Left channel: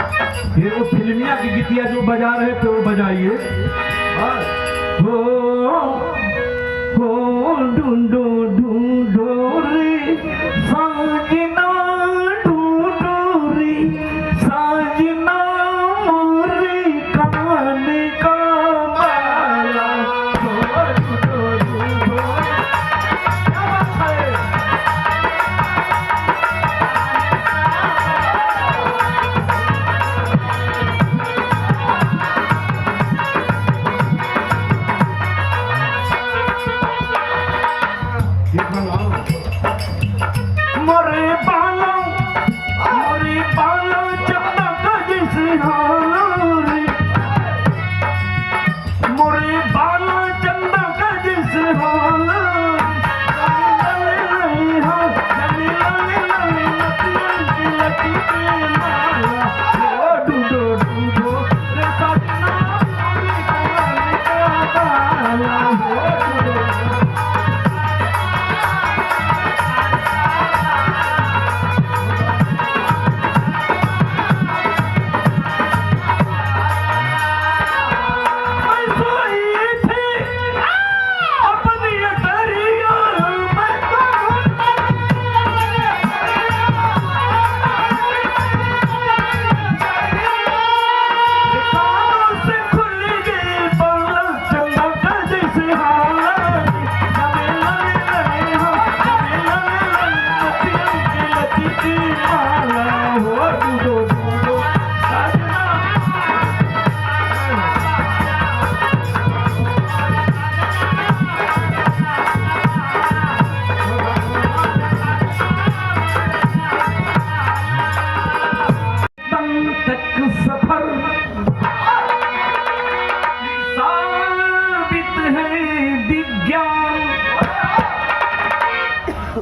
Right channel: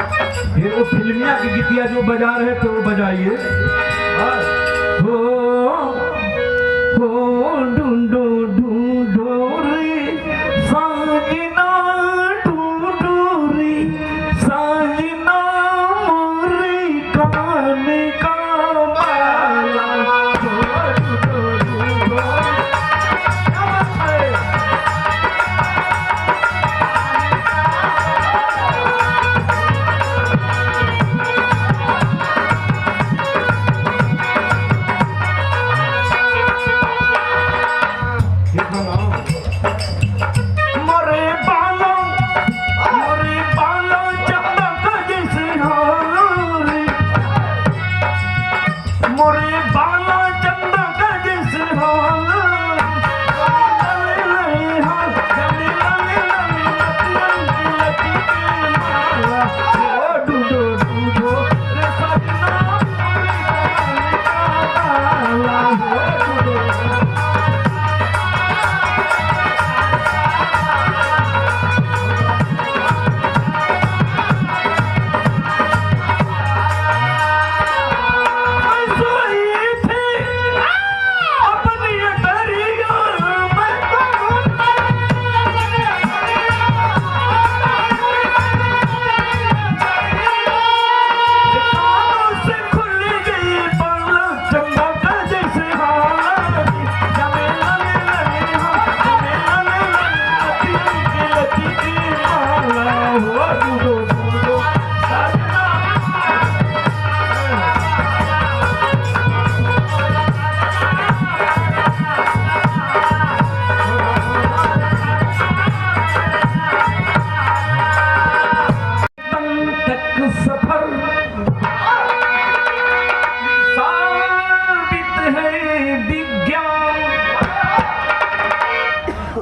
फिर वो फिल्मिया की गीतिया जो बजा रहे थे वो बजाइए। हो ढूंढो ढूंढो रे साजना, ढूंढो रे साजना मोरे कान का माला। ढूंढो ढूंढो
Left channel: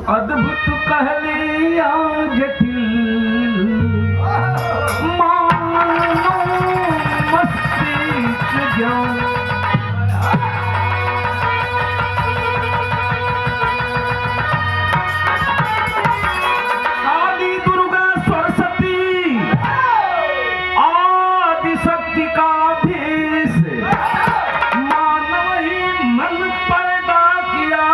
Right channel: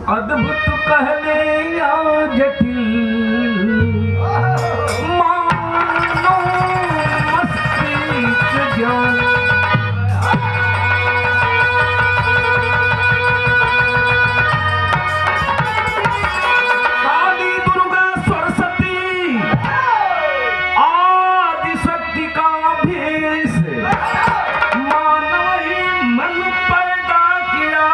अद्भुत कहलिया जटिल मानो मस्तिष्क ज्ञान। काली दुर्गा सरस्वती आदि शक्ति का भेष मानव ही मन पैदा किया।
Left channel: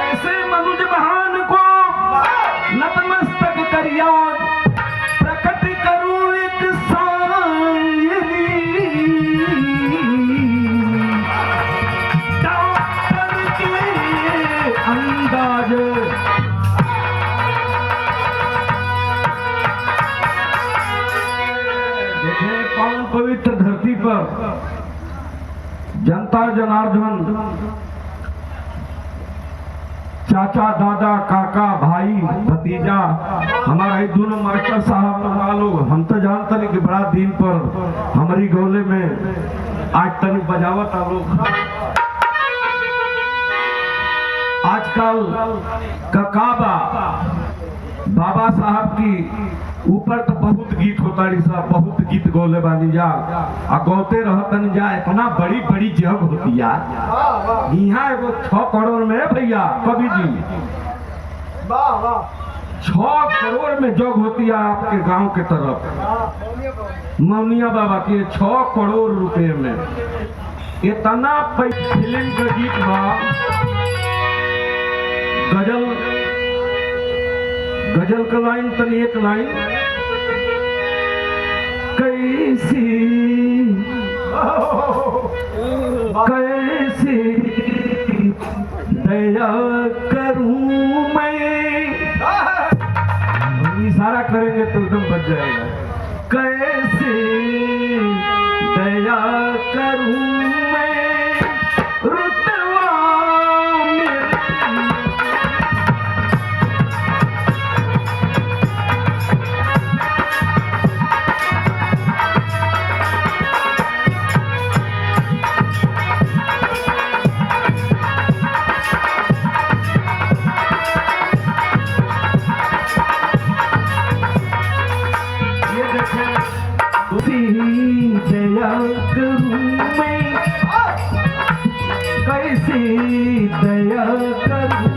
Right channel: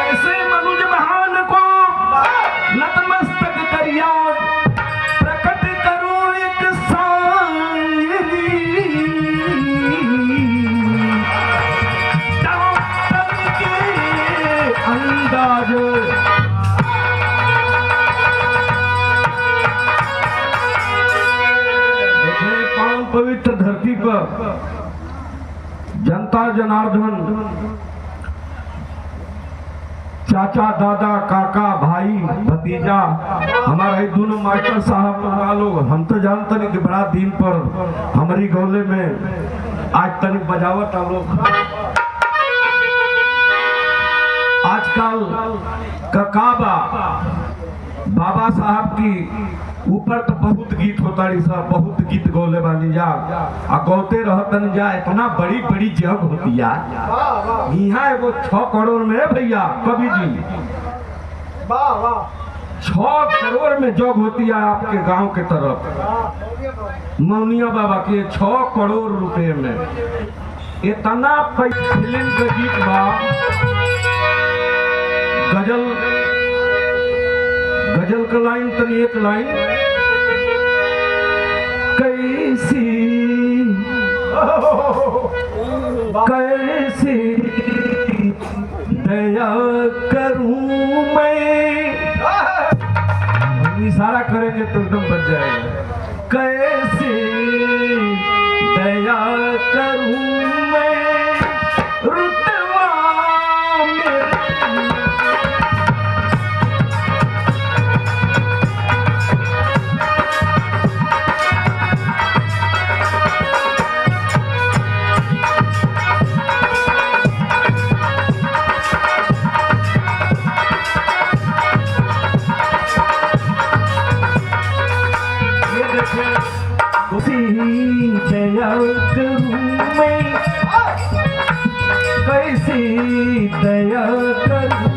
ऐसे मनुज महान को नतमस्तक करिया, प्रकट करूं एक सांयली। डॉक्टर के अंदाज पवित्र धरती पर जनता जनार्दन, चाचा दादा काका भाई भतीजा, हमारे दोनों मास्टर साहब वालों, हम तो जानते नहीं कि बड़ा दिन पर हमारी गौले में आज तक बजावत आ लोग। आजकल ककाबा बाबा साहब की ऊपर तो बहुत गीत होता है, सब बहुत गीत गौले वाली जा आ गौते रहतन जा। इतना बड़ी बड़ी जग होती है यहाँ एगो 6 करोड़ में भैया कवि जी 6 करोड़ में जग होती है आपके गांव के तरफ मौनिया बाबा के 6 करोड़ रुपए में। इतना फिल्म के गीत बा, गजल का लाइन तनी एक लाइन कैसी कैसी दया करूं मैं, इशारा करेंगे तो एकदम बच जाएगा। कैसी दया करूं मैं रुतवा ये देखें कैसी दया करूं मैं, कैसी दया करूं।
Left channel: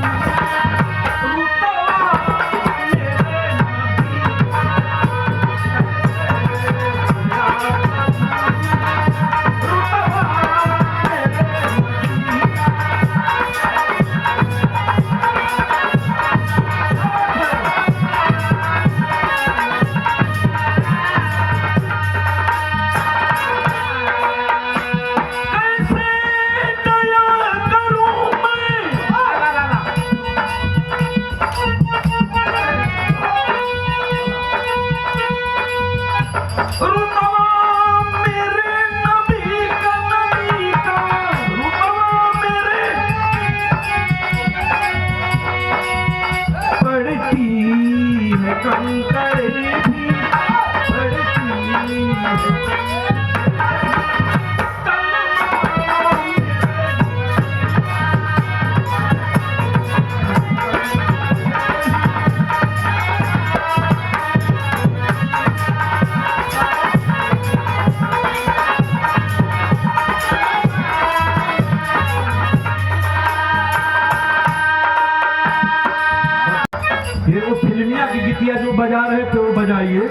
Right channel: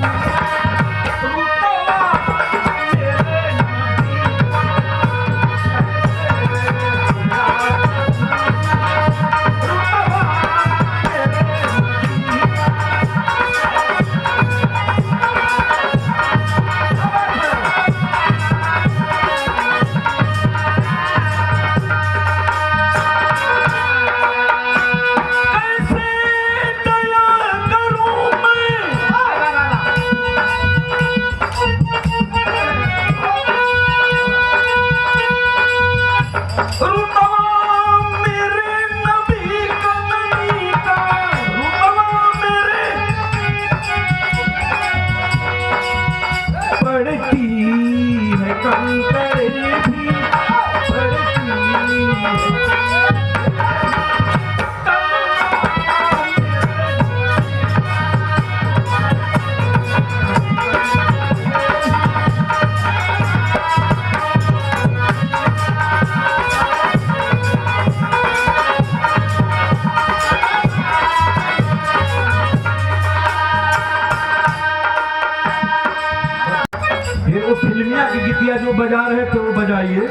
फिर वो फिल्मिया की गीतिया जो बजा रहे थे वो बजाइए।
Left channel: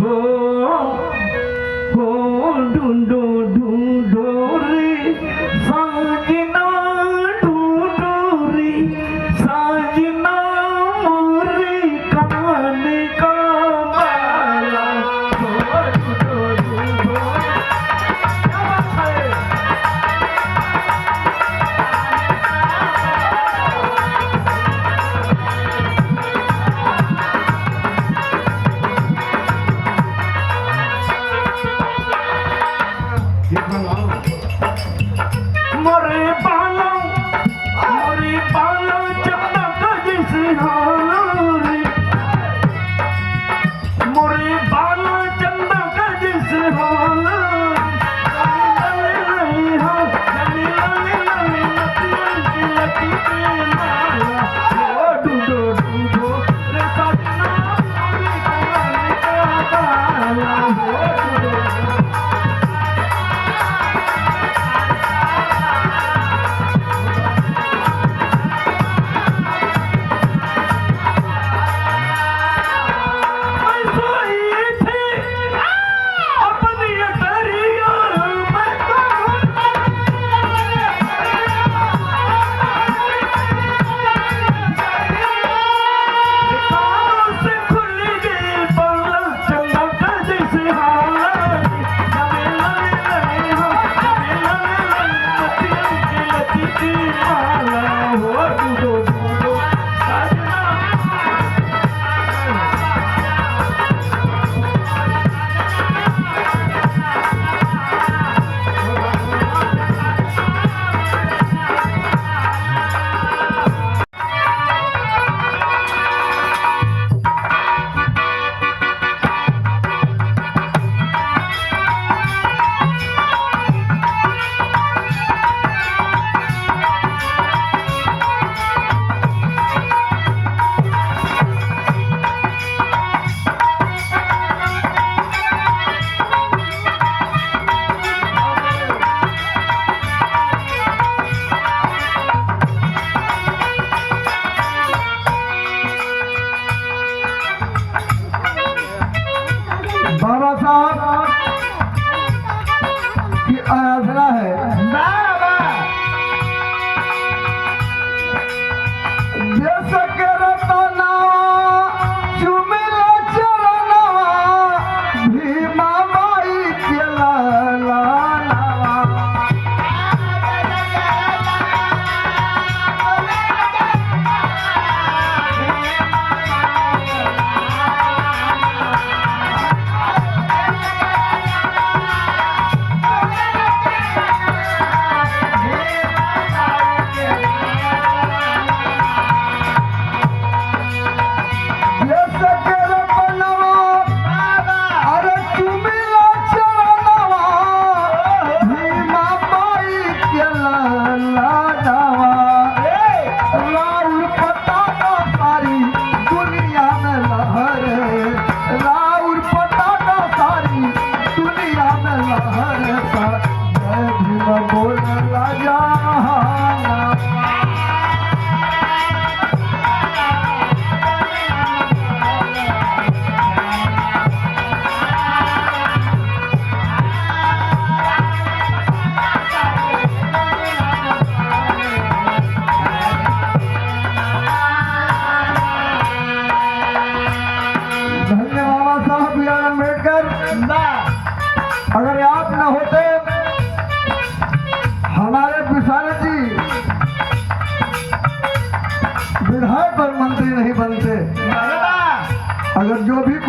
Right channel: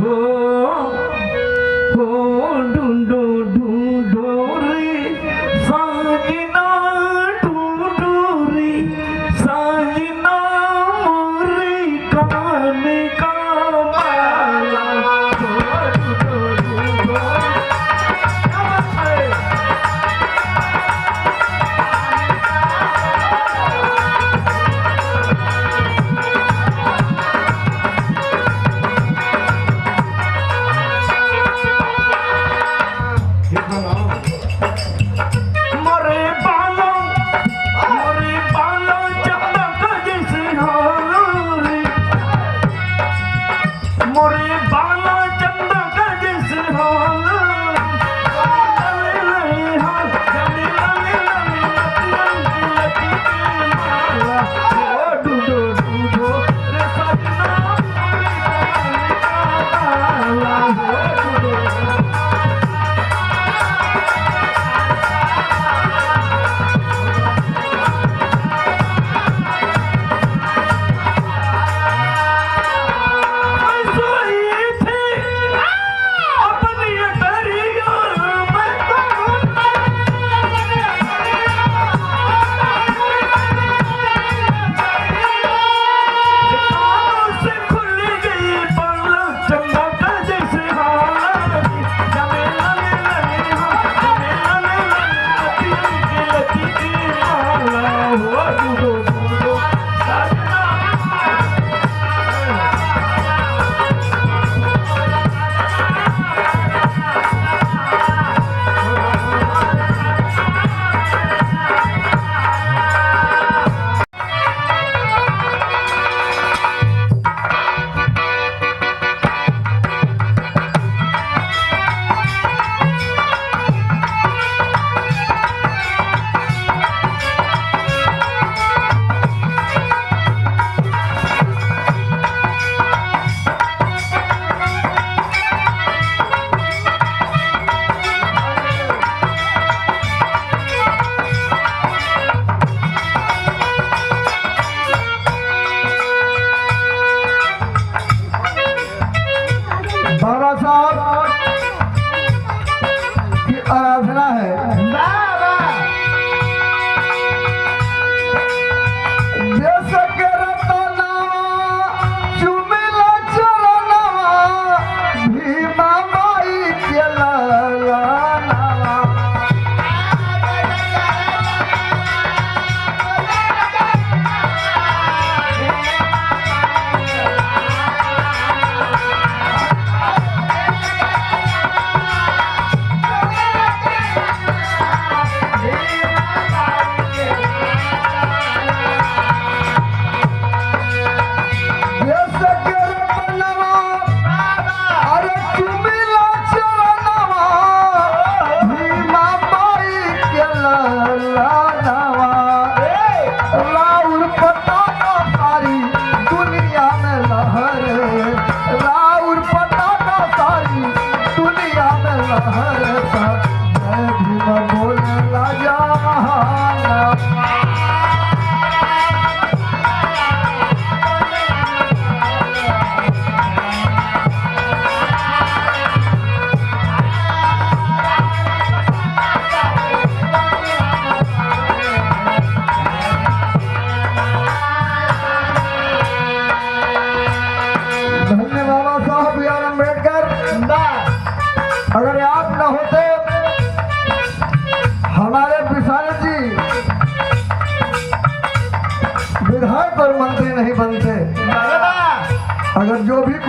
हो ढूंढो ढूंढो रे साजना, ढूंढो रे साजना मोरे कान का माला।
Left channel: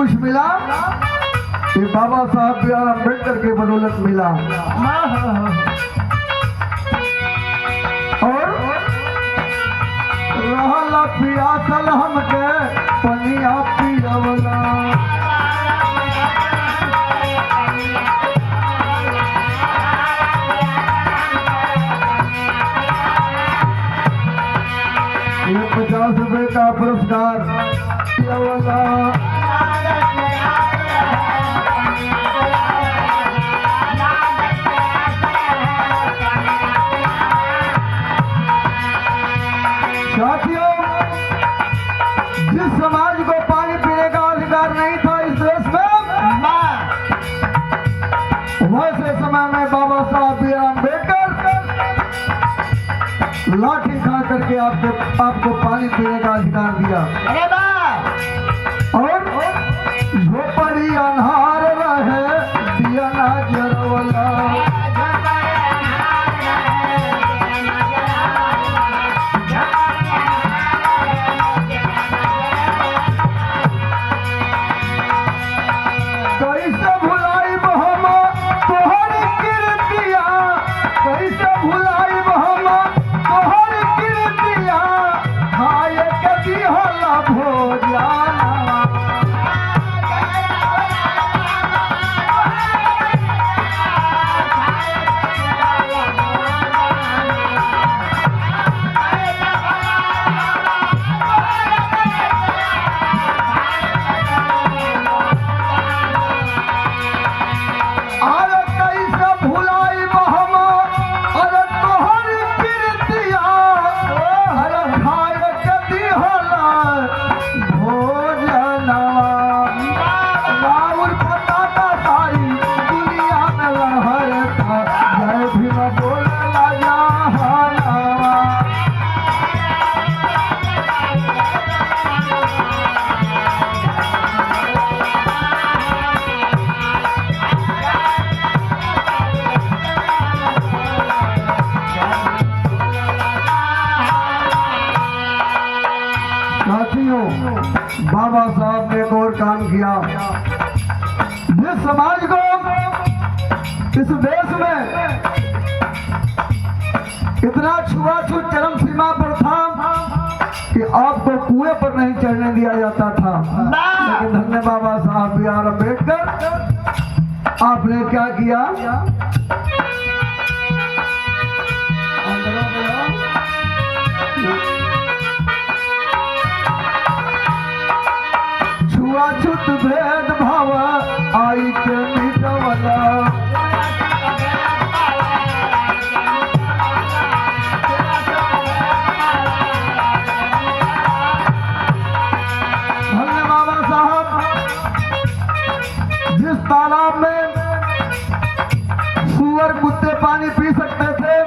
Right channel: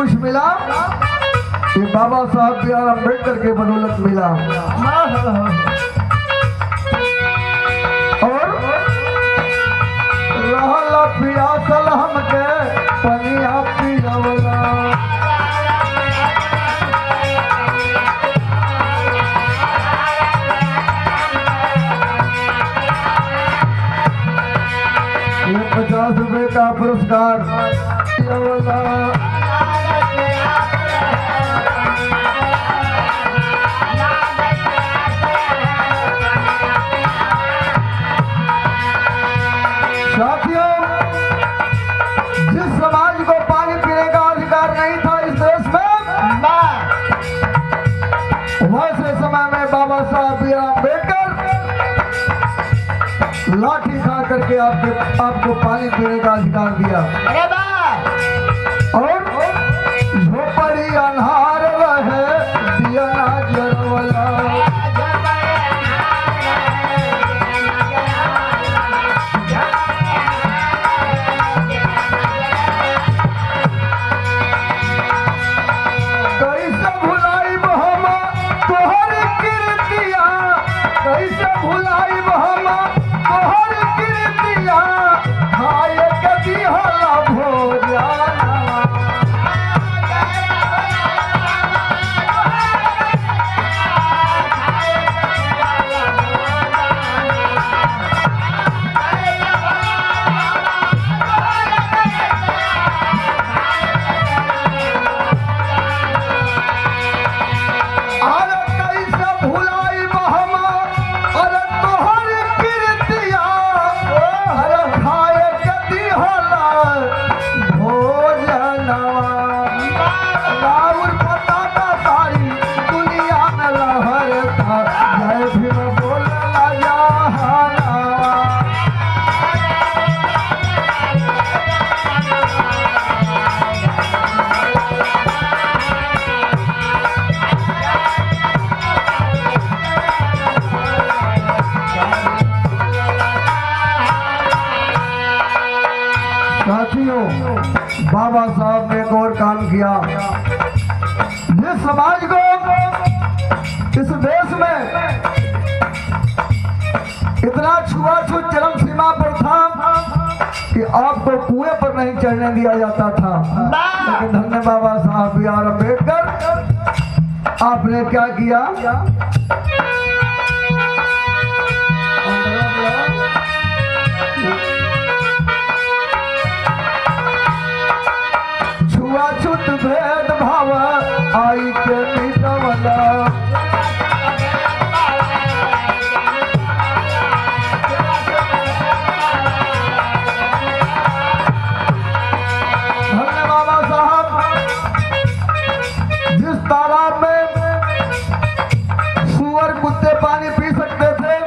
कुछ मिला ये बाबा साहब बी आर अम्बेडकर के बदौलत मिला। और रहल पियासल हमके पनिया पियवला। ये 50 रुपए का पुरस्कार पियवला। साथियों, जिस समाज को पानी पीने का अधिकार नहीं था इस देश में, वैसे समय में बाबा साहब बी आर अम्बेडकर लाठी खा करके आपको पानी पीने का अधिकार दिया। और झोपड़ी अन्हार रहे दिया ना जरवला। कैसे भुलाई बहमा तुहर कीर्तिया, कैसे भुलाई बहमा तुहर कीर्तिया, खाए के दिहला भोजना। अरे कैसे भुलाई बहमा अरे तोहर कीर्तिया, अरे खाए के दिहला भोजनवा। राउर पताका सारी दुनिया में लहरता, जय भीम बोलेला जहाना। साथियों, बाबा साहब ने एक और काम किया। जिस समाज को इस देश में इतना छुआछूत चरम सीमा पर था कि आपको कुएं पर नहीं चढ़ने दिया जाता था, लेकिन धन्य बाबा साहब बी आर अम्बेडकर, आपने क्या किया? छुआछूत भेदभाव आई के मिटवला। धन्य बाबा साहब, जिस तालाब में सुअर कुत्ते पानी पी सकते थे,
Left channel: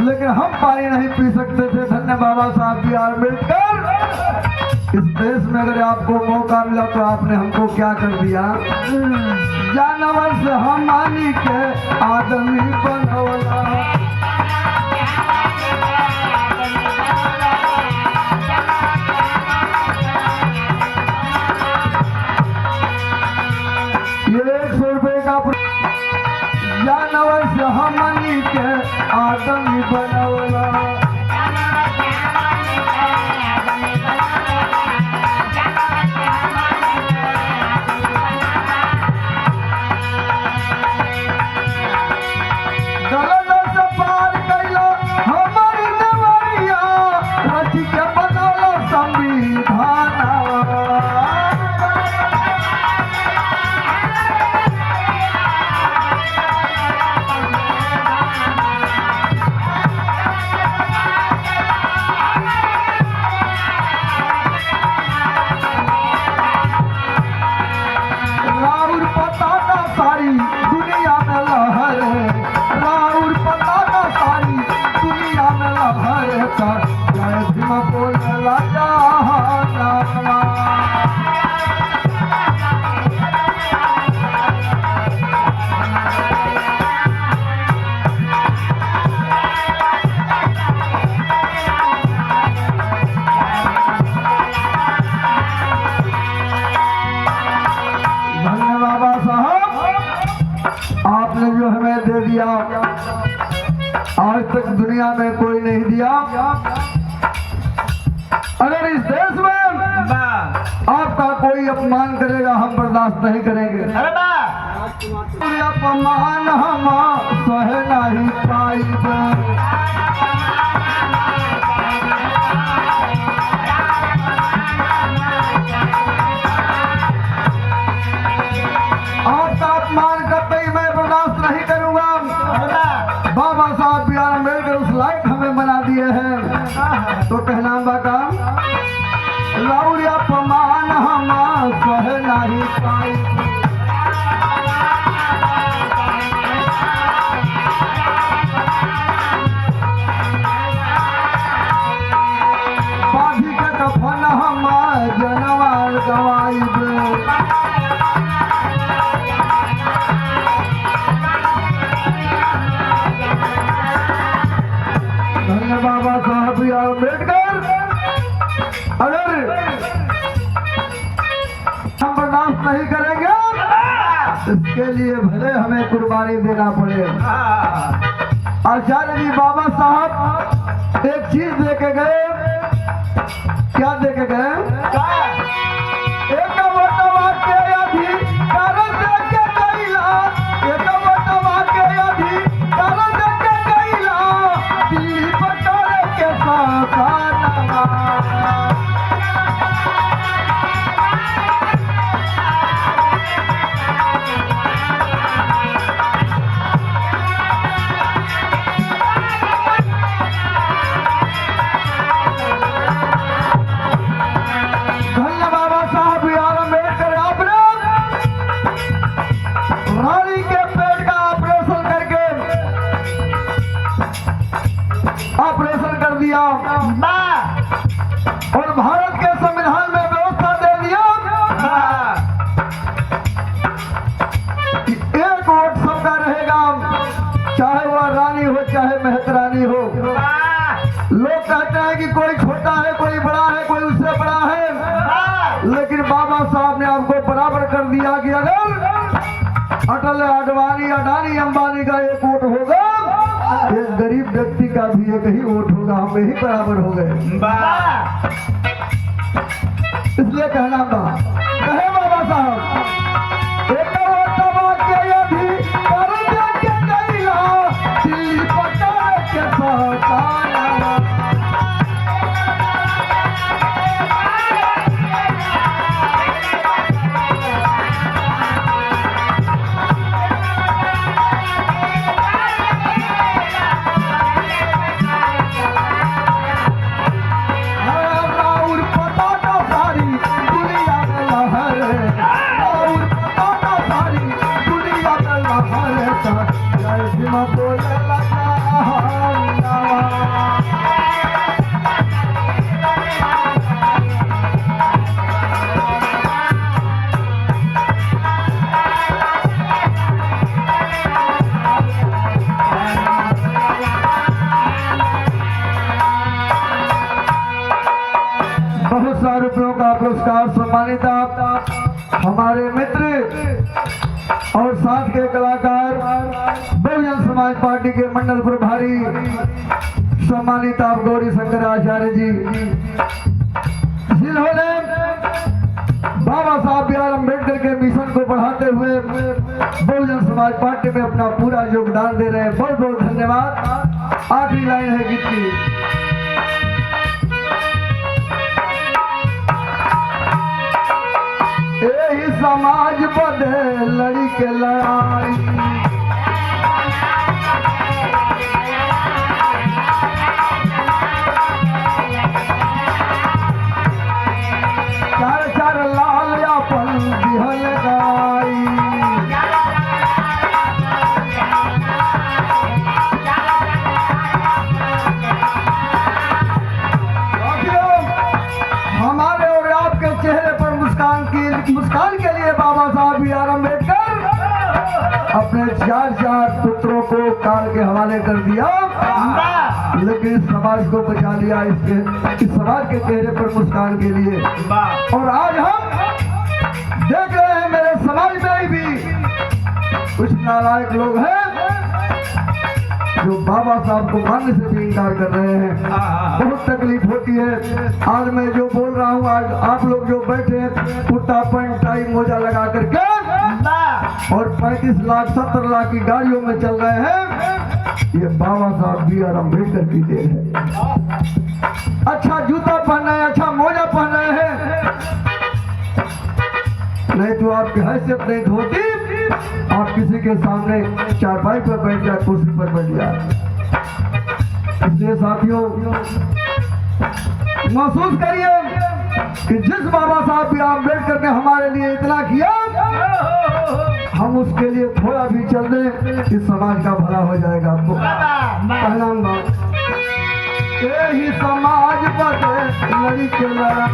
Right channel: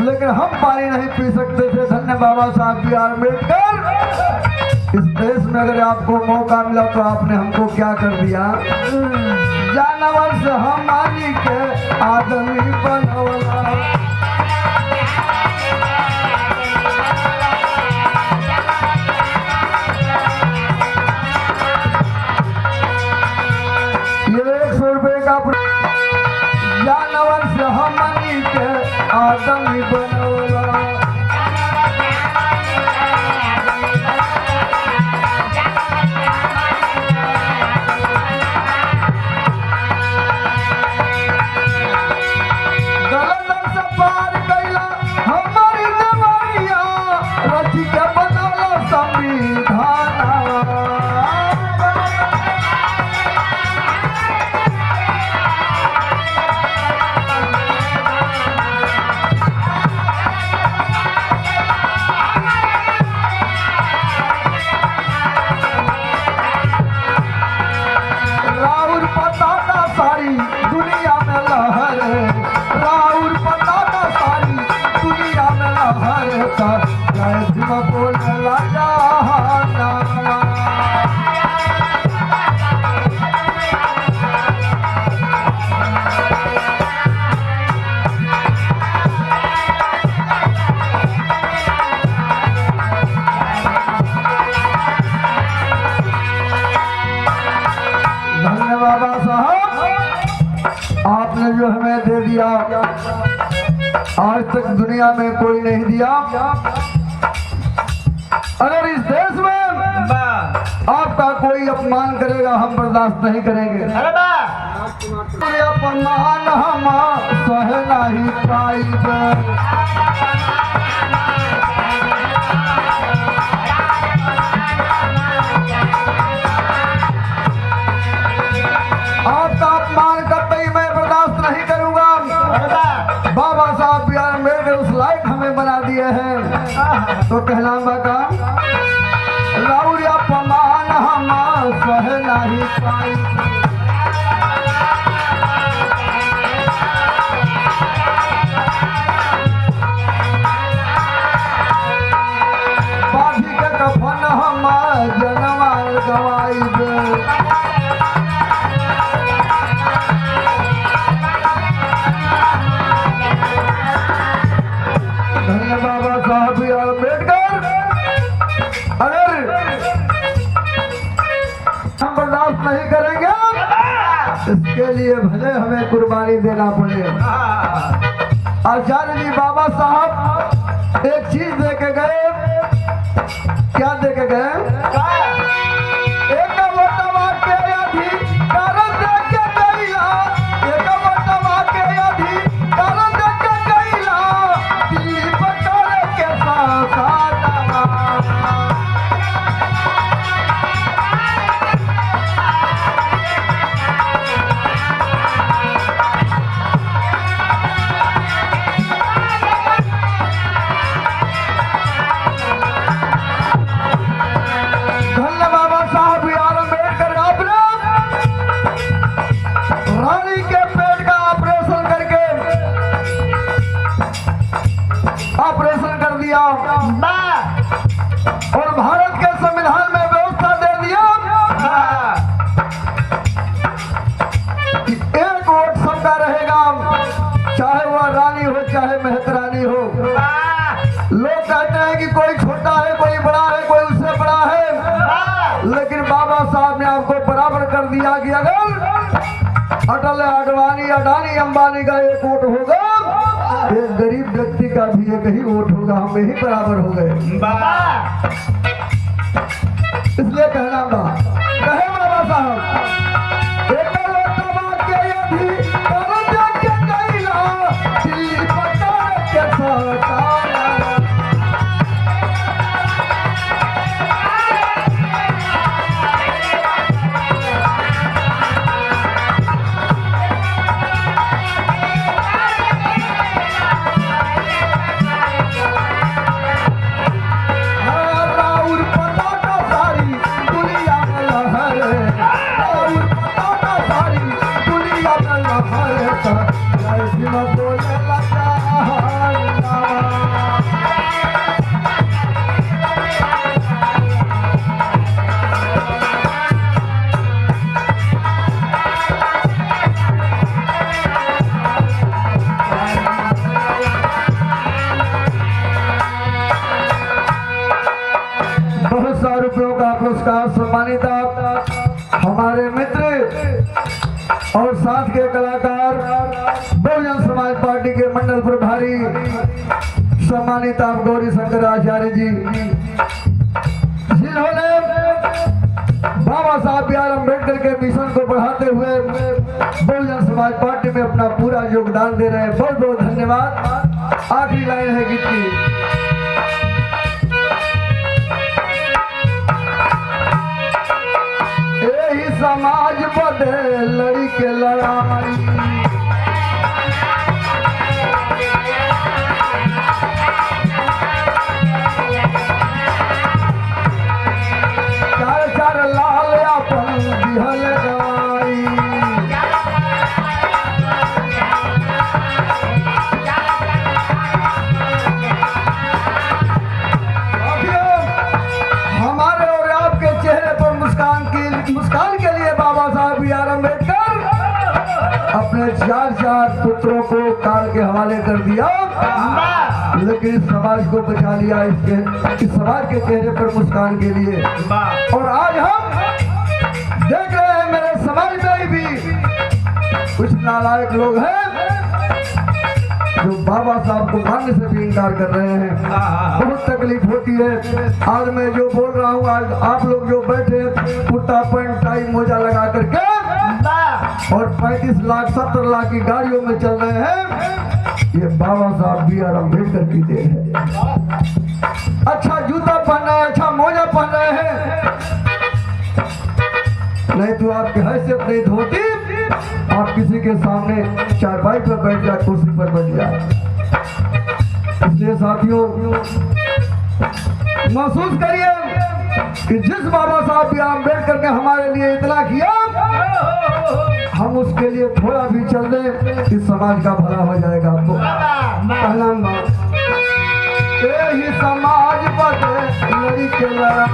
लेकिन हम पानी नहीं पी सकते थे, धन्य बाबा साहब बी आर अम्बेडकर, इस देश में अगर आपको मौका मिला तो आपने हमको क्या कर दिया? जानवर से हम आनी के आदमी बनवला। ये 100 रुपए का जानवर से हम आनी के आदमी बनवला। दिया, आज तक दुनिया में कोई नहीं दिया। अगर इस देश में आपका कोई अपमान करेगा हम बर्दाश्त नहीं करेंगे। अपमान हम सह नहीं पाएंगे। आपका अपमान करते ही मैं बर्दाश्त नहीं करूंगा। बाबा साहब बी आर अम्बेडकर उस लायक हमें बना दिए हैं, तो कहना काम राउर अपमान हम सह नहीं पाएंगे। पापी के कफन हम जनमाल गवाइबे। धन्य बाबा साहब बी आर अम्बेडकर। अगर हम बर्दाश्त नहीं करेंगे, इसके लिए भले हमें कुर्बानी देना पड़े। आचार्य जी बाबा साहब एक चीज दे के गए। क्या दे के गए? एक वटवा के अधिकार दे के गइला, एक वटवा के अधिकार दे के गइला, दिल्ली पटारे के सासानवा। धन्य बाबा साहब बी आर अम्बेडकर। आपने रानी के पेट का ऑपरेशन करके ऑपरेशन कर दिया और भारत के संविधान में व्यवस्था दे दिया कि एक वोट सबका रहेगा, चाहे वह रानी हो चाहे मेहतरानी हो। लोग कहते हैं कि कोई छोटा है, कोई बड़ा है, कोई उससे बड़ा है, लेकिन बाबा साहब ने आपको बराबर कर दिया कि अगर अटल आडवाणी अडानी अंबानी का एक वोट होगा, एक गरीब व्यक्ति का भी एक ही वोट होगा, हम ही बराबर हो गए। इसलिए कहना कहे बाबा साहब एक वोटवा के अधिकार दे के गइला, दिल्ली पटारे के सासानवा। राउर पताका सारी दुनिया में लहरे, राउर पताका सारी दुनिया में लहरे, ऐसे में बोले लगा हरनावा। बहुत सारे रुपयों का पुरस्कार सम्मानित आप हमारे मित्र और साथ के कलाकार बहुजन समाज पार्टी के मंडल प्रभारी सम्मानित आप गौरी शंकर आचार्य जी, जिन्होंने बाबा साहब बी आर अम्बेडकर के मिशन को बढ़ाते हुए बहुजन समाज पार्टी में अपना पूरा योगदान दे रहे हैं। बहुत बहुत धन्यवाद। आखिरी लाइन है गीत की। यही समाज बदे लड़ी के लड़ाई, चार चार लाल अपन बिहल गाई। हमारे और आपके चेहरे पर मुस्कान के लिए बाबा साहब बी आर अम्बेडकर अपने चार पुत्रों को काल के हवाले कर दिया, लेकिन इस समाज को बचा लिया, इस समाज के चेहरे पर मुस्कान के लिए। और आज हम देख रहे हैं मेरे समाज में भी कुछ नालायक लोग हैं जो बाबा साहब को मानने से भी इनकार कर रहे हैं। बहुत तकलीफ होती है। आज मैं जो बोल रहा हूँ, आज आप लोग जो बैठे कुर्ता पैंट टाई मोजा लगा करके और 35 लाख 70 लाख की गाड़ियों में चल रहे हैं, ये बाबा साहब बी आर अम्बेडकर की देन है। अच्छा जूता पहना है, अच्छा मोजा पहना है, नहीं तो आपकी हैसियत नहीं होती, आप किसी के सामने चारपाई पर बैठ जाए, कुर्सी पर बैठ जाए। इसलिए साथियों महसूस करिए कि जिस बाबा साहब बी आर अम्बेडकर ने हमारे लिए इतना किया, हम उसके लिए थोड़ा भी चल दें, इस समाज का भला हो जाएगा। आपको पहला ही समाज पर लड़ी के लड़ा